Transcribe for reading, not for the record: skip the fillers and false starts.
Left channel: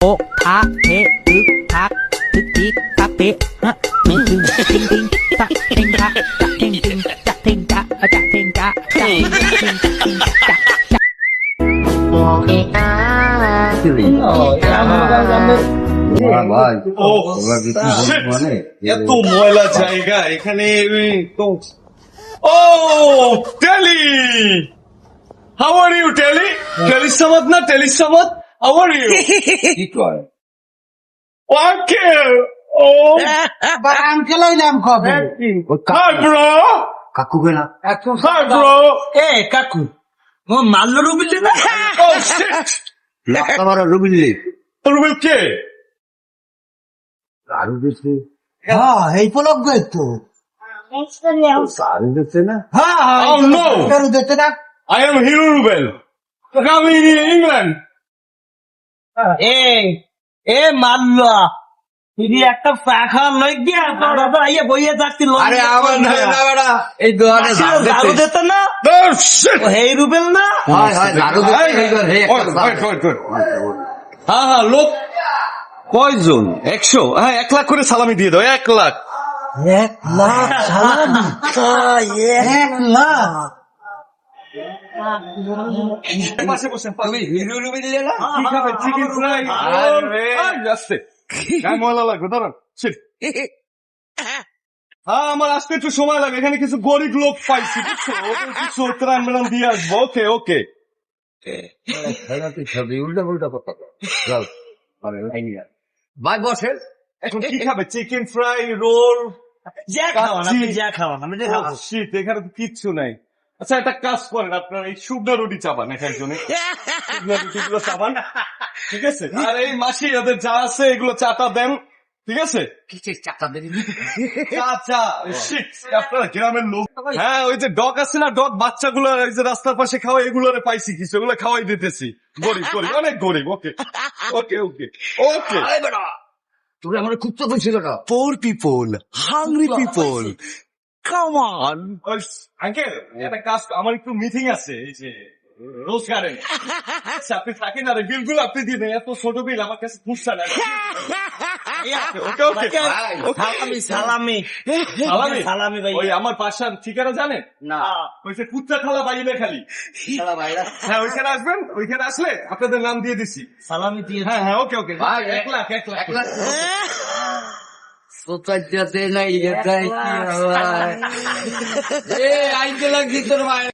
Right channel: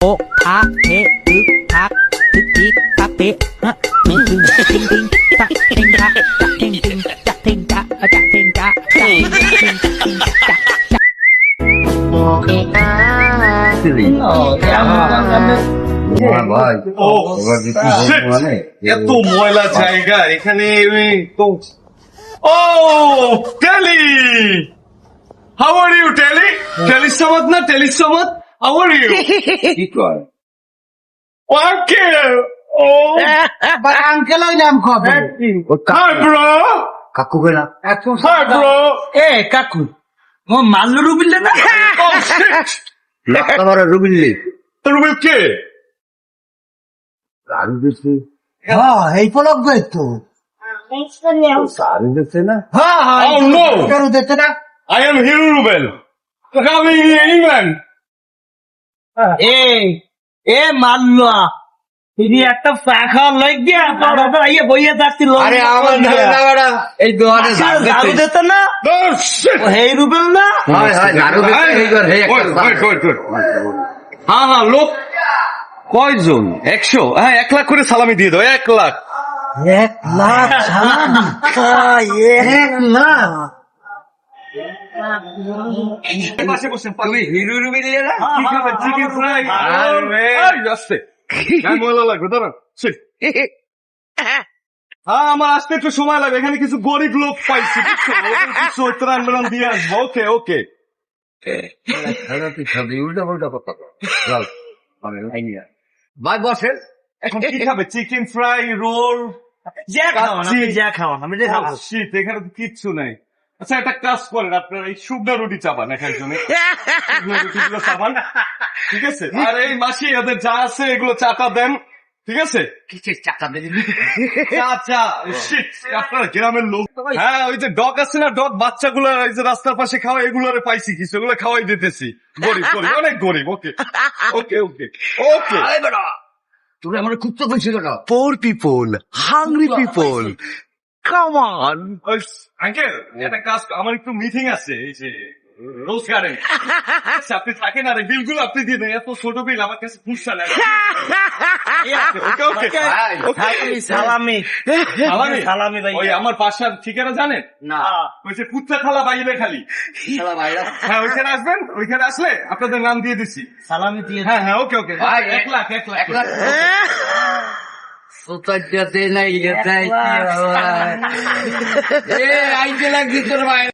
โอะอะเทอึกทักทึกทิกตะเตะฮะทิงทิงทิงทิงตะเทงจะจะเทงทิงจะเทงจะจะเทงจะจะเทงทิงทิงจะจะ এত ময়লা জায়গা এখানে তো ও টেলি হাউ আর ইউ টেলি টেলিসামাদ না টেলিসামাদ হাউ আর ইউ ওকে ও আঙ্কেল নাম কবে হাই ব্রো কাকু গেলা হাই ব্রো এ কাকু ও মাল্ল রুবিল না ও শিট তোমার রুবিল্লি রুবেল কে সারি দিচ্ছে হ্যাঁ এই পলক গই তো সারি দিচ্ছে না হ্যাঁ Oh, no. করু দিতে না I am hero Rubel coming England এ এ মাল্ল তুই একটা ফাঁকা লই গিয়া বাবা আইয়া বইয়া যাচ্ছি লোক আরে আমার না বেড়া এই দোয়ানে ঝাড়ু দিতে না ও শিট ও হেই রুবেল না হয় হয় ঝাড়ু দিতে এই ঘর হে একটা হ্যাঁ হ্যাঁ লোক কয়জন 100 হ্যাঁ 1 লাখ করে সালামি দিয়ে দাও 1 লাখ 1 লাখ সালাম 1 লাখ তুমি হিরো রুবিল্লি না কি খাবে চিকেন ফ্রাই আরে আসছে গায়ে ময়লা লাগবে দাঁড়ান হ্যাঁ আমার আসতে একটু সময় লাগে এখানে কিছু গরিব লোক পাইছি বুঝছো ওদের কিছু ত্রাণ ম্রাণ দিয়ে আসবো ওকে ওকে খেলাতে খাবি উল্টা উল্টা কথা চল আমি লাইনি ভাই বসেন এখন কি খাবে চিকেন ফ্রাই রোল যা খাওয়ান আপনি যা খাওয়ান আমি খাবো শীত এখানে তো কিচ্ছু নাই আচ্ছা একটা কাজ করেন আপনার এই শুকনা রুটি চাপান এখানে শুনে শুকনা রুটিগুলো চাপান ঠিক আছে আর এই মাসি এদের যা আছে এগুলো চাটা দেন ঠিক আছে কিসের চাকা দিলি চা চা shit, আপনার গ্রামের লোক হ্যাঁ ওই যে ডগ আছে না ডগ বাচ্চাগুলো এই যে রাস্তার পাশে খাওয়া এগুলোরে পাইছি কিছু এগুলো খাওয়াই দিতেছি গরিব গরিব অনেক গরিব ওকে ওকে ওকে ওকে আরে বেটা তুমি আমার খুব তো বলছিল না Poor people, hungry people. Come on. Uncle একটা কাজ আমার একটু মিটিং আছে এই যে রোজ গার্ডেন আপনি থাকেন আর বিলগুলো আপনি দিয়ে দেন এত ছোট বিল আমার কাছে পুষছে না ওকে ওকে সালামি সালামি সালামি ভাই ওই আমার বাসার ঠিকানা জানেন না ওই যে পুত্রা খালা বাইরে খালি শালা ভাইরা হ্যাঁ ওইখানে আসবেন ওইখানে আসলে আপনাদের নাম দিয়ে দিছি সালামি দিয়ে হ্যাঁ হ্যাঁ ওকে ওকে ভাই, 1 লাখ 1 লাখ 1 লাখ সোতাইতে নাই এটাই কি এ আইতে লাগি তোর ভাই